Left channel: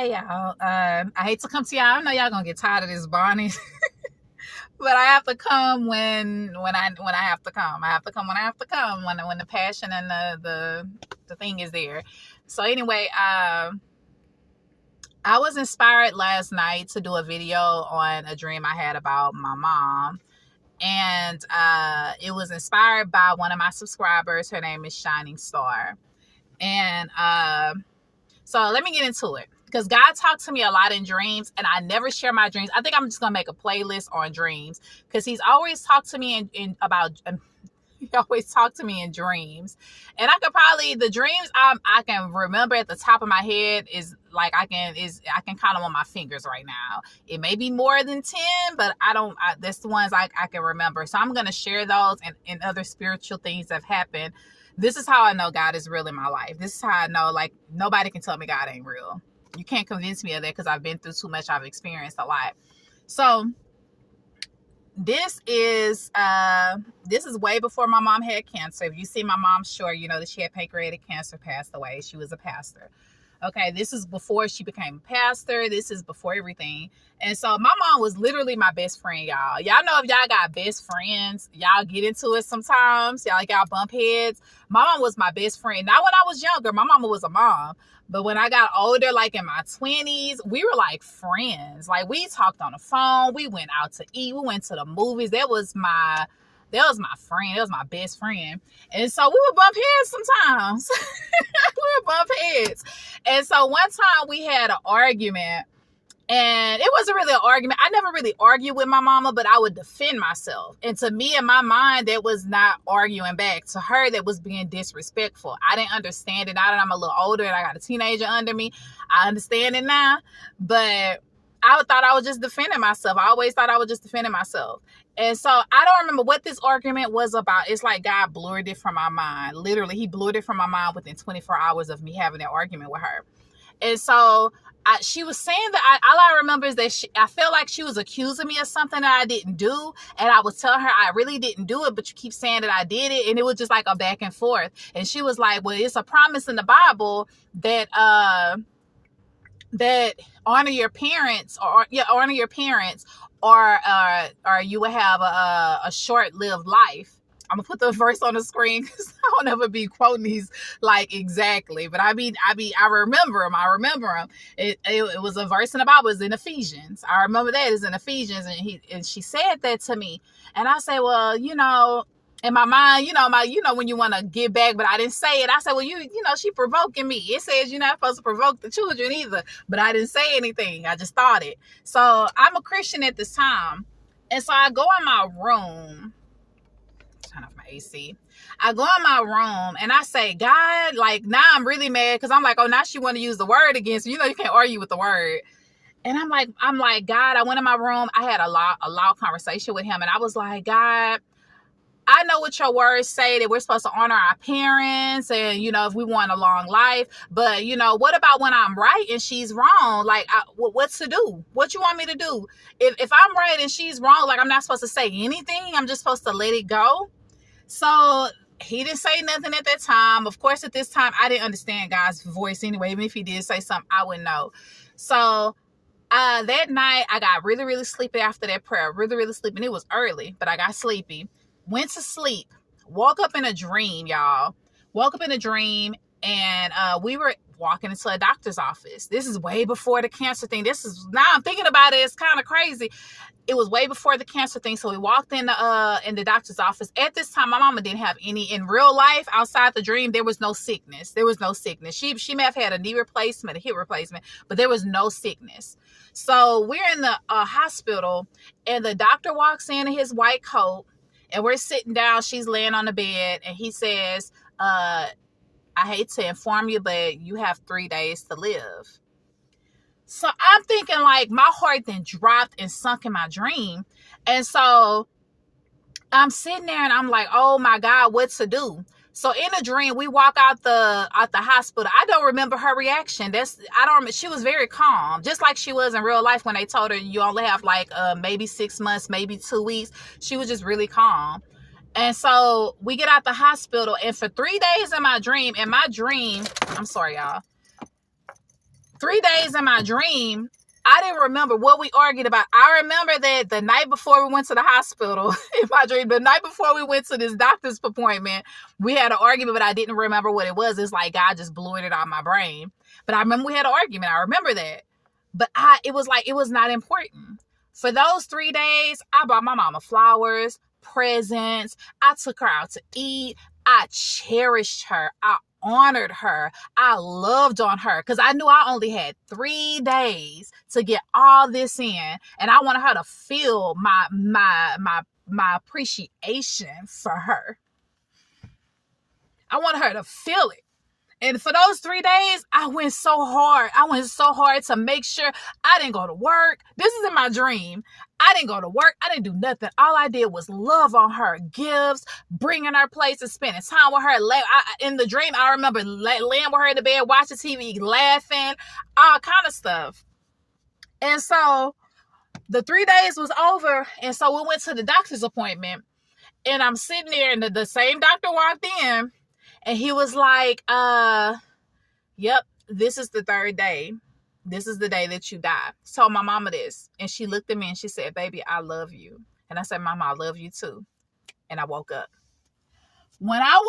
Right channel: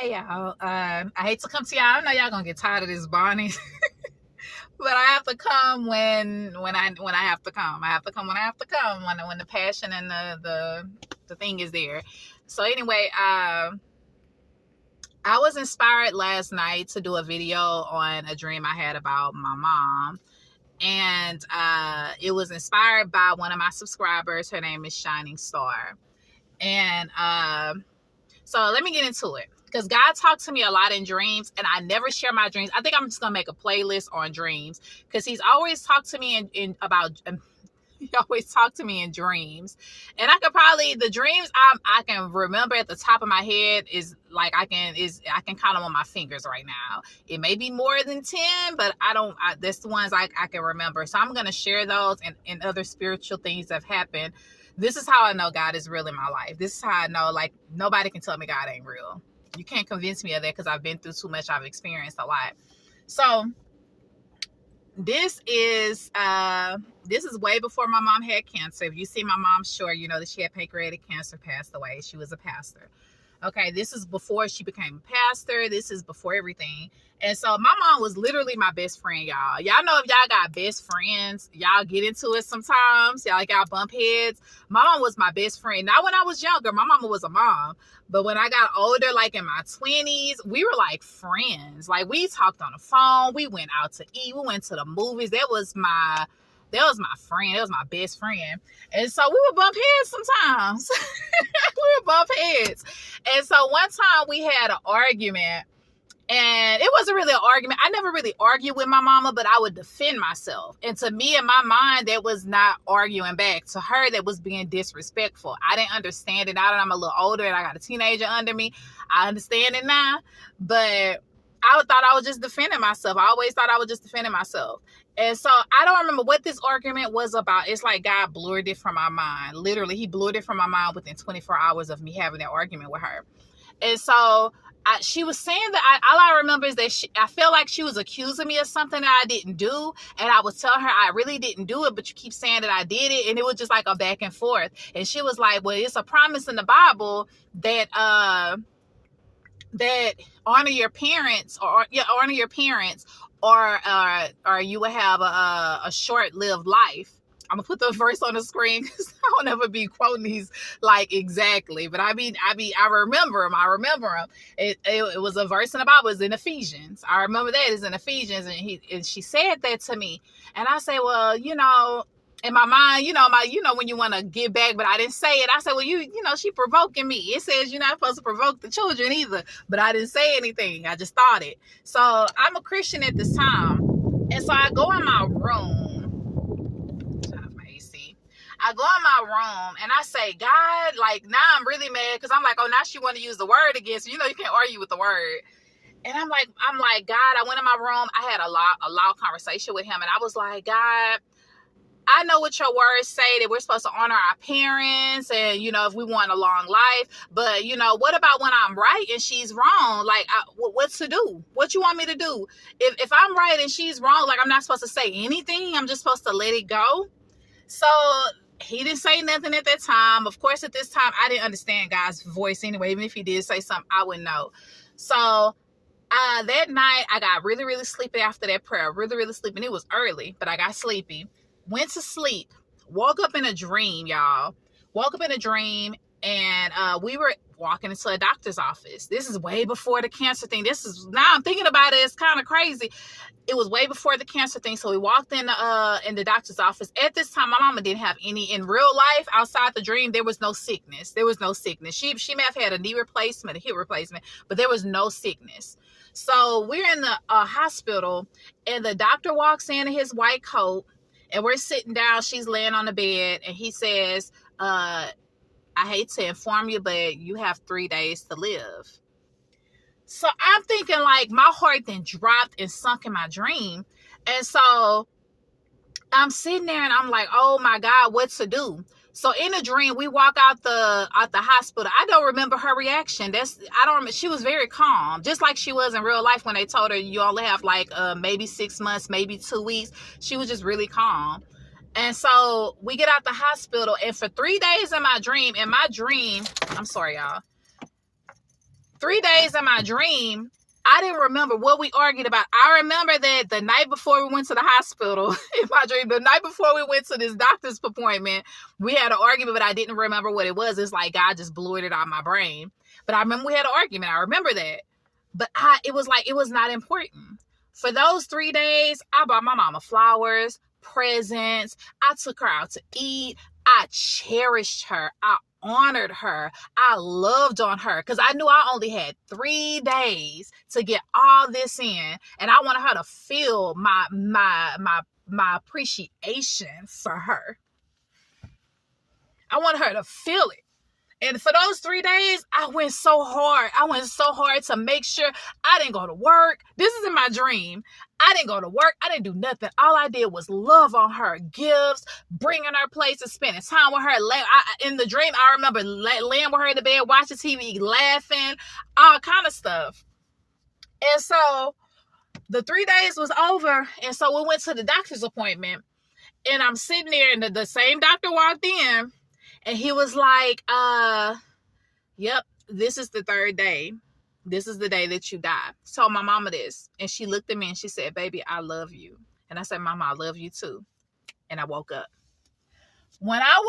Hey y'all, I hate to come to y'all. I know y'all gonna get tired of this Bonnie, but I have to come when I have to come. I have to come when I have to come when the passion and the thing is there. So anyway, I was inspired last night to do a video on a dream I had about my mom, and it was inspired by one of my subscribers. Her name is Shining Star, and so let me get into it. Because God talked to me a lot in dreams, and I never share my dreams. I think I'm just gonna make a playlist on dreams because He's always talked to me in about. He always talked to me in dreams, and I could probably the dreams I can remember at the top of my head is like I can count them on my fingers right now. It may be more than 10, but I don't. That's the ones I can remember. So I'm gonna share those and other spiritual things that have happened. This is how I know God is real in my life. This is how I know like nobody can tell me God ain't real. You can't convince me of that because I've been through too much. I've experienced a lot. So this is way before my mom had cancer. If you see my mom short, you know that she had pancreatic cancer, passed away. She was a pastor. Okay, this is before she became a pastor. This is before everything. And so my mom was literally my best friend, y'all. Y'all know if y'all got best friends, y'all get into it sometimes. Y'all bump heads. My mom was my best friend. Not when I was younger. My mama was a mom. But when I got older, like in my 20s, we were like friends. Like we talked on the phone. We went out to eat. We went to the movies. That was my friend. That was my best friend. And so we would bump heads sometimes. We would bump heads. And so one time we had an argument, and it wasn't really an argument. I never really argued with my mama, but I would defend myself. And to me, in my mind, that was not arguing back. To her, that was being disrespectful. I didn't understand it. Now that I'm a little older and I got a teenager under me, I understand it now. But I thought I was just defending myself. I always thought I was just defending myself. And so I don't remember what this argument was about. It's like God blurred it from my mind. Literally, He blurred it from my mind within 24 hours of me having that argument with her. And so she was saying that all I remember is that I felt like she was accusing me of something that I didn't do. And I was telling her I really didn't do it, but you keep saying that I did it. And it was just like a back and forth. And she was like, well, it's a promise in the Bible that honor your parents or you will have a short-lived life. I'm gonna put the verse on the screen because I don't ever be quoting these like exactly, but I remember them. It was a verse in the Bible. It's in Ephesians. I remember that it's in Ephesians, and she said that to me, and I say, well, in my mind, when you want to give back, but I didn't say it. I said, well, she provoking me. It says you're not supposed to provoke the children either, but I didn't say anything. I just thought it. So I'm a Christian at this time, and so I go in my room. I go in my room and I say, God, like now I'm really mad because I'm like, oh, now she want to use the word against you. You can't argue with the word. And I'm like, God, I went in my room. I had a loud conversation with Him, and I was like, God, I know what your words say that we're supposed to honor our parents and, if we want a long life. But, what about when I'm right and she's wrong? Like, what to do? What you want me to do? If I'm right and she's wrong, like I'm not supposed to say anything. I'm just supposed to let it go. So He didn't say nothing at that time. Of course, at this time, I didn't understand God's voice anyway. Even if He did say something, I wouldn't know. So that night, I got really, really sleepy after that prayer. Really, really sleepy. And it was early, but I got sleepy. Went to sleep. Woke up in a dream, y'all. Woke up in a dream, and we were walking into a doctor's office. This is way before the cancer thing. Now I'm thinking about it, it's kind of crazy. It was way before the cancer thing. So we walked in the doctor's office. At this time, my mama didn't have any in real life. Outside the dream, there was no sickness. She may have had a knee replacement, a hip replacement, but there was no sickness. So we're in the hospital, and the doctor walks in his white coat, and we're sitting down. She's laying on the bed, and he says, I hate to inform you, but you have 3 days to live. So I'm thinking like my heart then dropped and sunk in my dream. And so I'm sitting there and I'm like, oh my God, what to do? So in a dream, we walk out the hospital. I don't remember her reaction. She was very calm, just like she was in real life when they told her you only have like maybe 6 months, maybe 2 weeks. She was just really calm. And so we get out the hospital, and for 3 days in my dream, I'm sorry, y'all. 3 days in my dream, I didn't remember what we argued about. I remember that the night before we went to the hospital, in my dream, the night before we went to this doctor's appointment, we had an argument, but I didn't remember what it was. It's like God just blew it out of my brain. But I remember we had an argument. I remember that. But it was not important. For those 3 days, I bought my mama flowers, presents. I took her out to eat. I cherished her. I honored her. I loved on her because I knew I only had 3 days to get all this in, and I wanted her to feel my appreciation for her. I wanted her to feel it. And for those 3 days, I went so hard. I went so hard to make sure I didn't go to work. This is in my dream. I didn't go to work. I didn't do nothing. All I did was love on her, gifts, bringing her places, spending time with her. In the dream, I remember laying with her in the bed, watching TV, laughing, all kind of stuff. And so the 3 days was over. And so we went to the doctor's appointment. And I'm sitting there, and the same doctor walked in. And he was like, yep, this is the 3rd day. This is the day that you die. Told my mama this. And she looked at me and she said, baby, I love you. And I said, Mama, I love you too. And I woke up. When I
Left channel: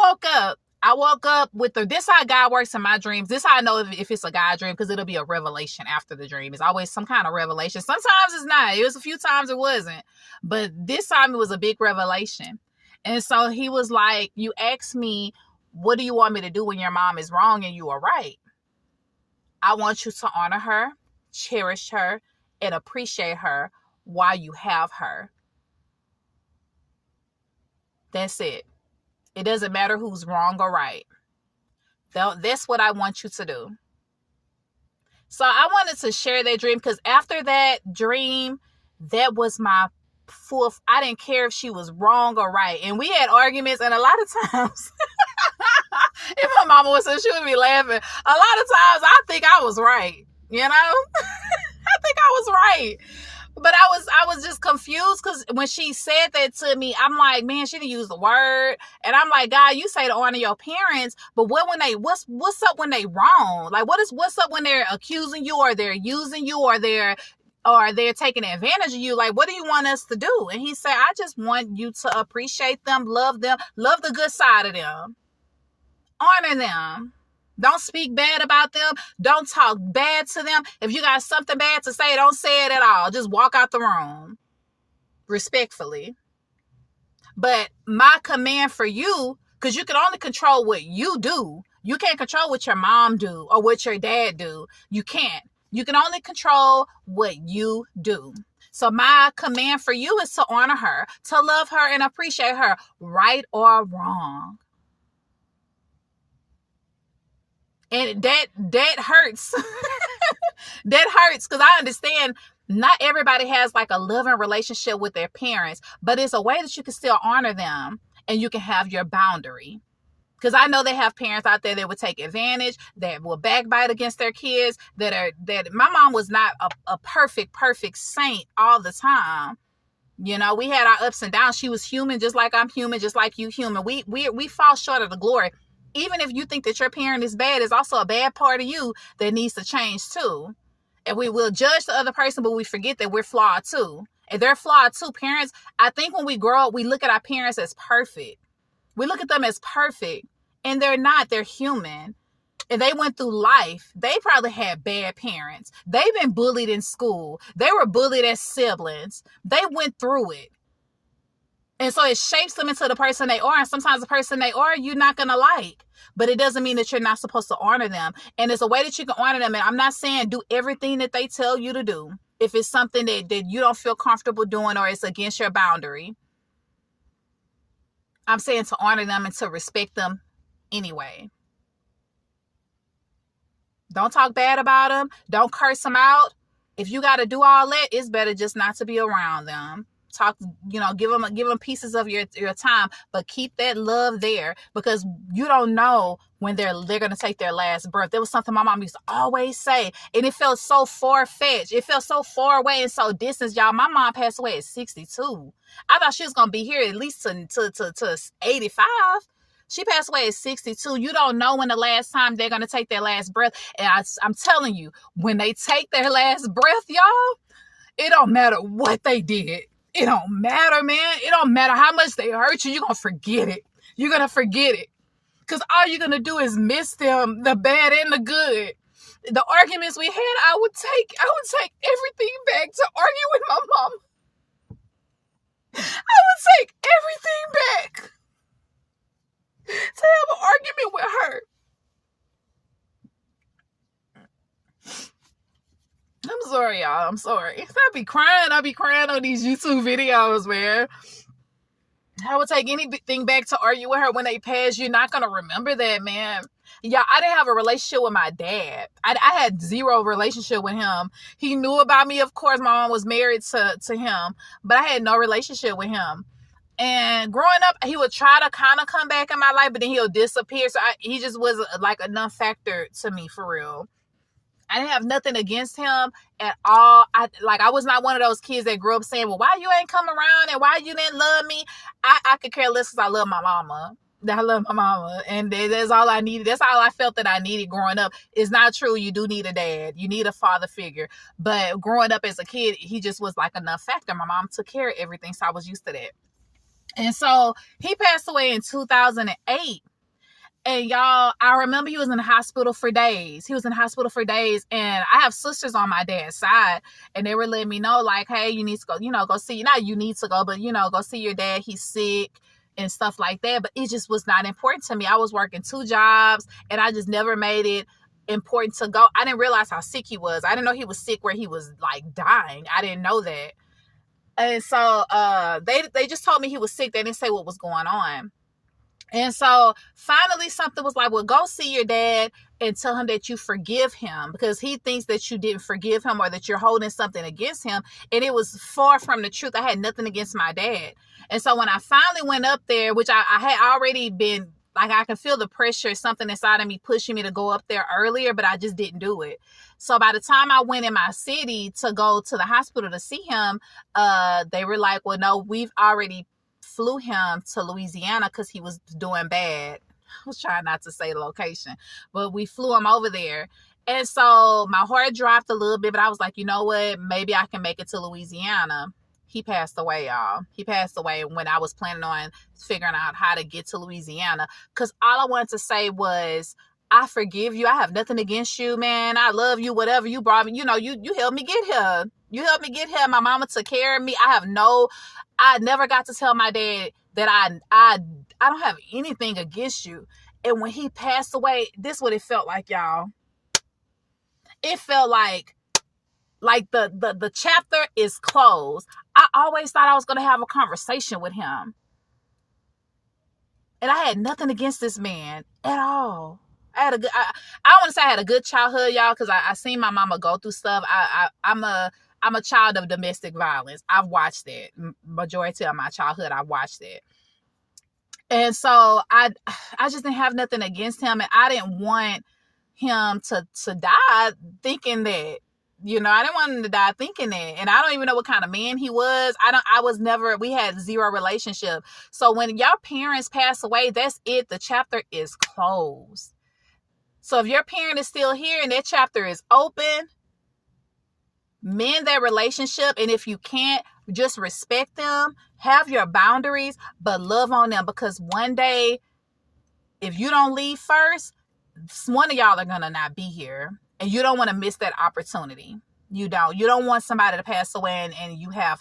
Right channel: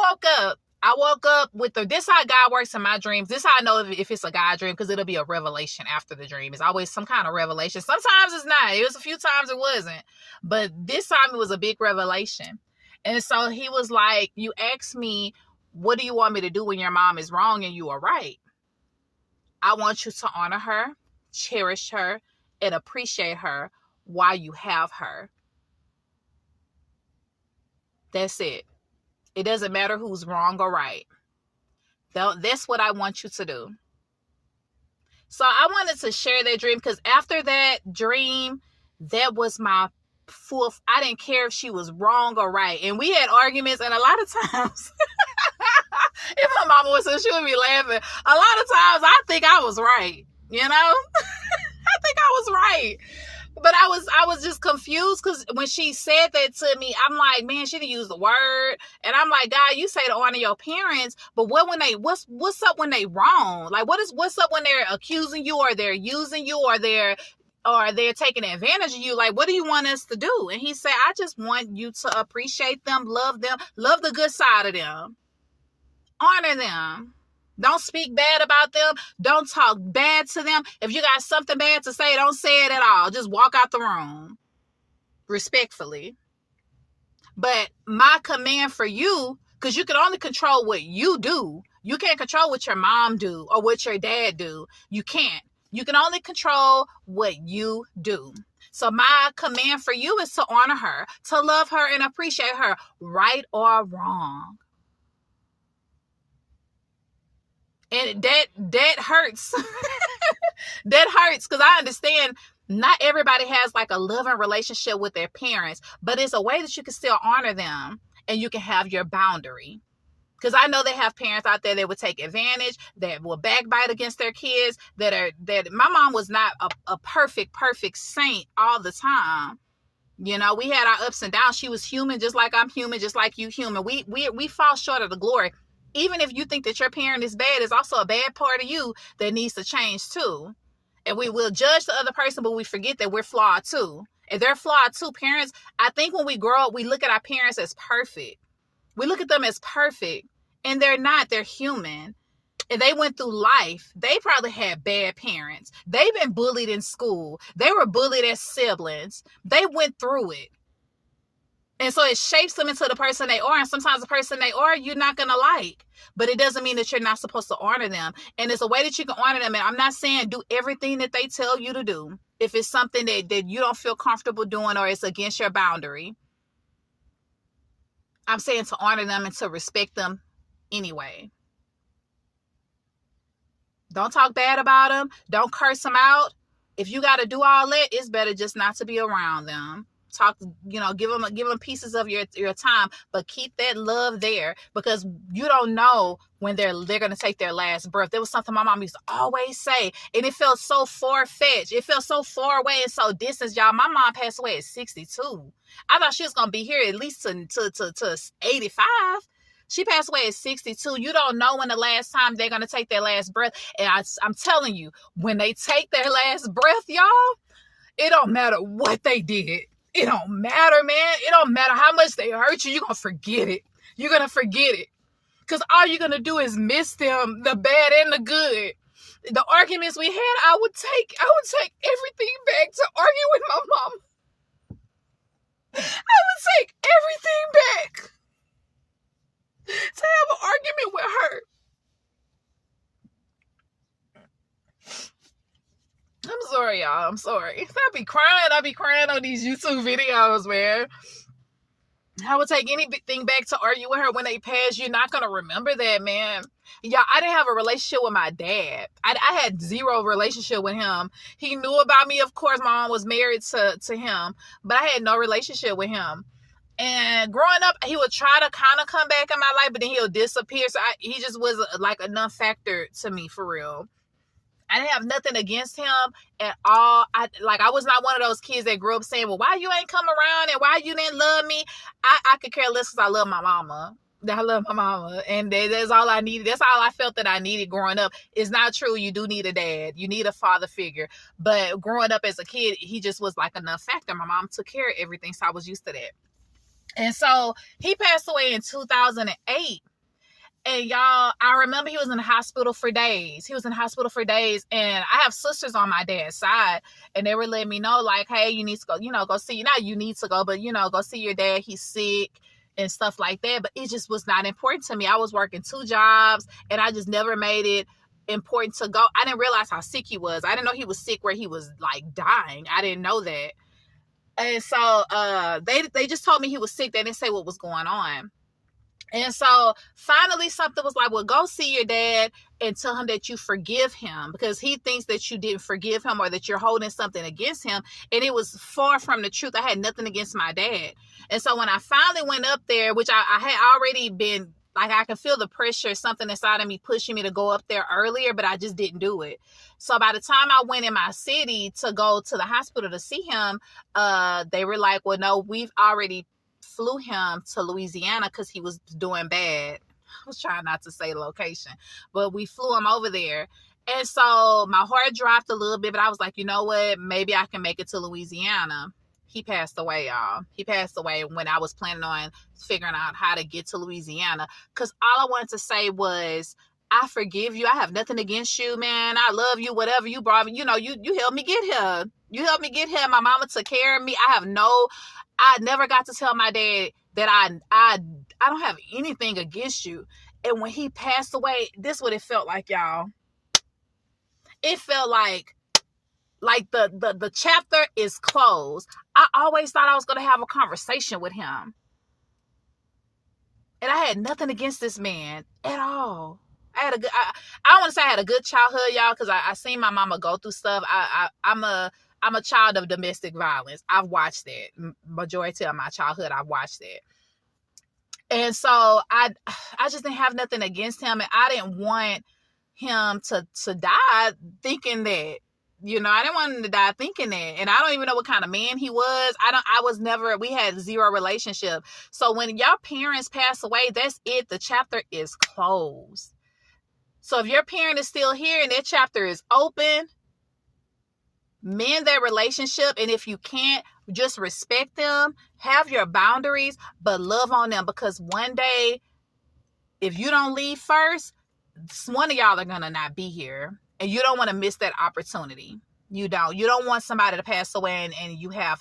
woke up with this how God works in my dreams. This how I know if it's a God dream, because it'll be a revelation after the dream. It's always some kind of revelation. Sometimes it's not. It was a few times it wasn't. But this time it was a big revelation. And so he was like, you asked me, what do you want me to do when your mom is wrong and you are right? I want you to honor her, cherish her, and appreciate her while you have her. That's it. It doesn't matter who's wrong or right. That's what I want you to do. So I wanted to share that dream because after that dream, that was my fourth. I didn't care if she was wrong or right. And we had arguments, and a lot of times... if my mama was so, she would be laughing. A lot of times I think I was right, you know? I think I was right. But I was just confused because when she said that to me, I'm like, man, she didn't use the word. And I'm like, God, you say to honor your parents, but what's up when they wrong? Like what's up when they're accusing you or they're using you or they're taking advantage of you? Like, what do you want us to do? And he said, I just want you to appreciate them, love the good side of them. Honor them. Don't speak bad about them. Don't talk bad to them. If you got something bad to say, don't say it at all. Just walk out the room. Respectfully. But my command for you, because you can only control what you do. You can't control what your mom do or what your dad do. You can't. You can only control what you do. So my command for you is to honor her, to love her and appreciate her, right or wrong. And that hurts. That hurts because I understand not everybody has like a loving relationship with their parents, but it's a way that you can still honor them and you can have your boundary. Because I know they have parents out there that would take advantage, that will backbite against their kids, that my mom was not a perfect saint all the time. You know, we had our ups and downs. She was human, just like I'm human, just like you human. We fall short of the glory. Even if you think that your parent is bad, there's also a bad part of you that needs to change too. And we will judge the other person, but we forget that we're flawed too. And they're flawed too. Parents, I think when we grow up, we look at our parents as perfect. We look at them as perfect. And they're not. They're human. And they went through life. They probably had bad parents. They've been bullied in school. They were bullied as siblings. They went through it. And so it shapes them into the person they are. And sometimes the person they are, you're not going to like. But it doesn't mean that you're not supposed to honor them. And there's a way that you can honor them. And I'm not saying do everything that they tell you to do. If it's something that you don't feel comfortable doing or it's against your boundary. I'm saying to honor them and to respect them anyway. Don't talk bad about them. Don't curse them out. If you got to do all that, it's better just not to be around them. Talk, give them pieces of your time, but keep that love there because you don't know when they're going to take their last breath. There was something my mom used to always say, and it felt so far-fetched. It felt so far away and so distant, y'all. My mom passed away at 62. I thought she was going to be here at least to 85. She passed away at 62. You don't know when the last time they're going to take their last breath. And I'm telling you, when they take their last breath, y'all, it don't matter what they did. It don't matter, man. It don't matter how much they hurt you. You're going to forget it. You're going to forget it. Because all you're going to do is miss them, the bad and the good. The arguments we had, I would take everything back to argue with my mom. I would take everything back to have an argument with her. I'm sorry, y'all. I'm sorry. I be crying on these YouTube videos, man. I would take anything back to argue with her when they pass. You're not going to remember that, man. Yeah, I didn't have a relationship with my dad. I had zero relationship with him. He knew about me, of course. My mom was married to him, but I had no relationship with him. And growing up, he would try to kind of come back in my life, but then he'll disappear. So he just was like a non-factor to me, for real. I didn't have nothing against him at all. I was not one of those kids that grew up saying, well, why you ain't come around and why you didn't love me? I could care less because I love my mama. I love my mama. And that's all I needed. That's all I felt that I needed growing up. It's not true. You do need a dad. You need a father figure. But growing up as a kid, he just was like a non-factor. My mom took care of everything, so I was used to that. And so he passed away in 2008. And y'all, I remember he was in the hospital for days. And I have sisters on my dad's side, and they were letting me know, like, hey, you need to go, go see, not you need to go, but, go see your dad. He's sick and stuff like that. But it just was not important to me. I was working 2 jobs, and I just never made it important to go. I didn't realize how sick he was. I didn't know he was sick where he was like dying. I didn't know that. And so they just told me he was sick. They didn't say what was going on. And so finally something was like, well, go see your dad and tell him that you forgive him, because he thinks that you didn't forgive him or that you're holding something against him. And it was far from the truth. I had nothing against my dad. And so when I finally went up there, which I had already been, like, I could feel the pressure, something inside of me pushing me to go up there earlier, but I just didn't do it. So by the time I went in my city to go to the hospital to see him, they were like, well, no, we've already flew him to Louisiana because he was doing bad. I was trying not to say the location, but we flew him over there. And so my heart dropped a little bit, but I was like, you know what? Maybe I can make it to Louisiana. He passed away, y'all. He passed away when I was planning on figuring out how to get to Louisiana. Because all I wanted to say was, I forgive you. I have nothing against you, man. I love you, whatever you brought me. You helped me get here. You helped me get here. My mama took care of me. I never got to tell my dad that I don't have anything against you. And when he passed away, this is what it felt like, y'all. It felt like the chapter is closed. I always thought I was going to have a conversation with him. And I had nothing against this man at all. I don't want to say I had a good childhood, y'all, because I seen my mama go through stuff. I'm a child of domestic violence. I've watched that. Majority of my childhood, I've watched that. And so I just didn't have nothing against him. And I didn't want him to die thinking that, I didn't want him to die thinking that. And I don't even know what kind of man he was. We had zero relationship. So when your parents pass away, that's it. The chapter is closed. So if your parent is still here and that chapter is open, mend that relationship. And if you can't, just respect them, have your boundaries, but love on them, because one day, if you don't leave first, one of y'all are going to not be here, and you don't want to miss that opportunity. You don't want somebody to pass away and you have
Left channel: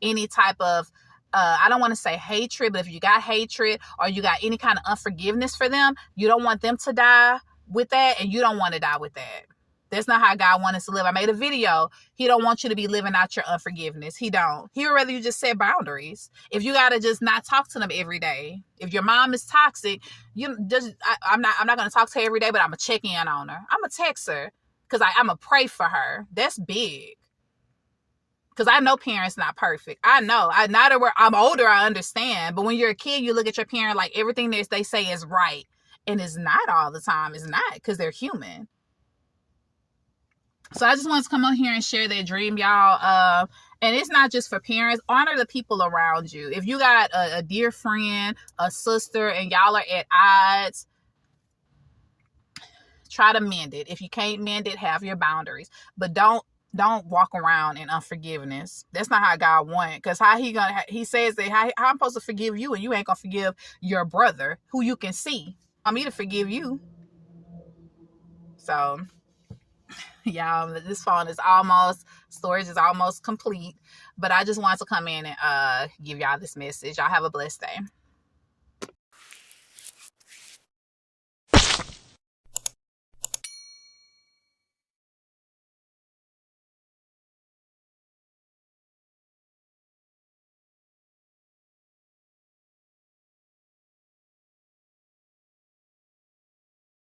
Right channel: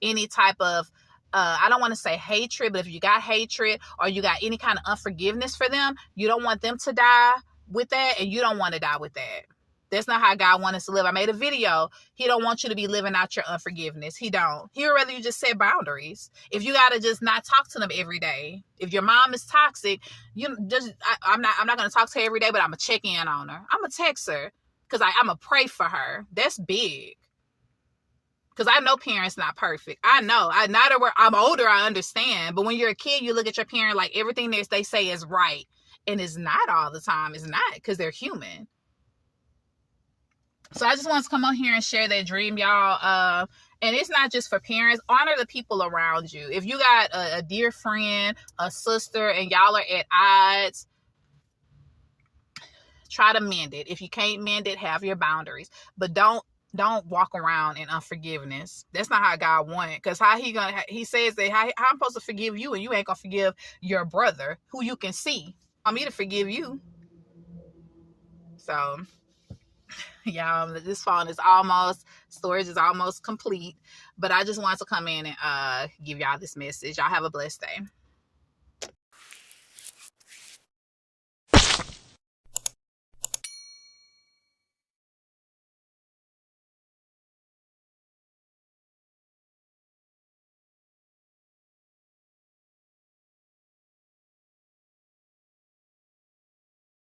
any type of, I don't want to say hatred, but if you got hatred or you got any kind of unforgiveness for them, you don't want them to die with that, and you don't want to die with that. That's not how God wants us to live. I made a video. He don't want you to be living out your unforgiveness. He don't. He would rather you just set boundaries. If you got to just not talk to them every day. If your mom is toxic, I'm not going to talk to her every day, but I'm going to check in on her. I'm going to text her because I'm going to pray for her. That's big. Because I know parents not perfect. I know. I'm older, I understand. But when you're a kid, you look at your parent like everything they say is right. And it's not all the time. It's not, because they're human. So I just wanted to come on here and share that dream, y'all. And it's not just for parents. Honor the people around you. If you got a dear friend, a sister, and y'all are at odds, try to mend it. If you can't mend it, have your boundaries. But don't walk around in unforgiveness. That's not how God wants. Because he says that how I'm supposed to forgive you and you ain't gonna forgive your brother who you can see. Want me to forgive you. So y'all, this phone is storage is almost complete. But I just wanted to come in and give y'all this message. Y'all have a blessed day.